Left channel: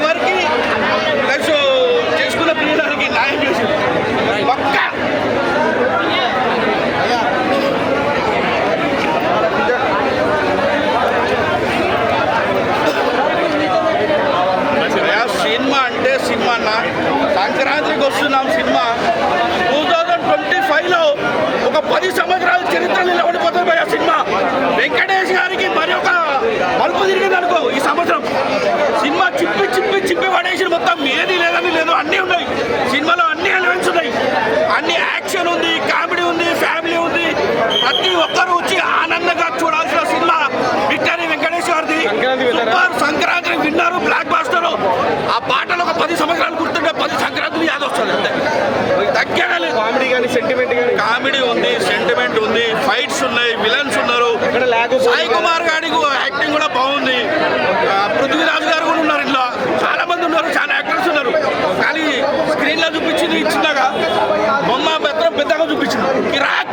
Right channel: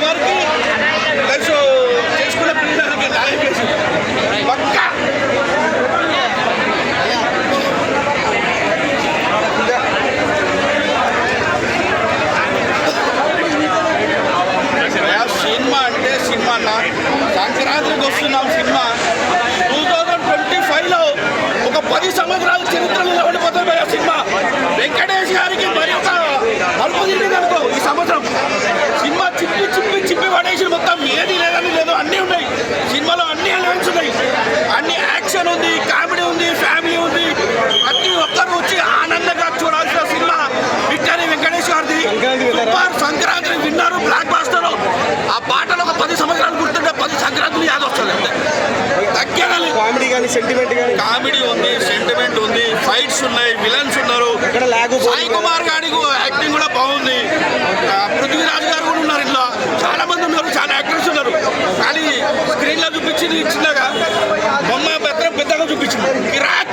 ఎవరికి ప్లస్ చేసుకున్న పిల్లలకి న్యాయం చేసింది పక్కా. సినిమా అంటే సినిమా అన్న, సంక్రాంతికి వస్తున్నాం. సినిమా 2025లో ఒక 10 సంవత్సరాల చరిత్ర నిలబడిపోతుంది భయ సినిమా. వెంకటేష్ గారికి మరి ఒక మలుపు తిరిగింది అనుకో ఈ సంవత్సరం. సినిమా చిప్పి చిప్పి చిప్పి పడేసి మొత్తం ఏది లేదని లేదు, అన్నీ ఉన్నాయి సినిమాలో, అన్ని ఎలిమెంట్స్ ఉన్నాయి, అన్ని యాక్షన్ ఉంది, కామెడీ ఉంది, ఫ్యామిలీ ఉంది. ప్రతి ఒక్కరు వచ్చి ఆనందంగా చూడాల్సిన సినిమా విక్టరీ వెంకటేష్ గారిది. సూపర్ సంక్రాంతి విన్నారు, బ్లాక్ బాస్టర్. ఆ పాటలు ఒక 10 సంవత్సరాలు గుర్తుంటే 10 సంక్రాంతులు యాద వస్తుంది అంతే, తగ్గేది. కామెడీ కానీ సెంటిమెంట్ కానీ, కామెడీ ఉంది, సెంటిమెంట్ ఉంది, ఫైట్స్ ఉన్నాయి, విలన్స్ ఉన్నారు. సాయి కుమార్ గారికి యాక్టింగ్ కూడా బాగుంది. పృథ్వీరాజ్ గారు కూడా ఉన్నారు, ఇంట్లో చాలా మంది ఉన్నారు, చాలా యాక్టర్స్ ఉన్నారు. కానీ స్క్రీన్లో చూపించింది చిన్నగా, బొమ్మ పెద్దగా చూపించింది. కిరాక్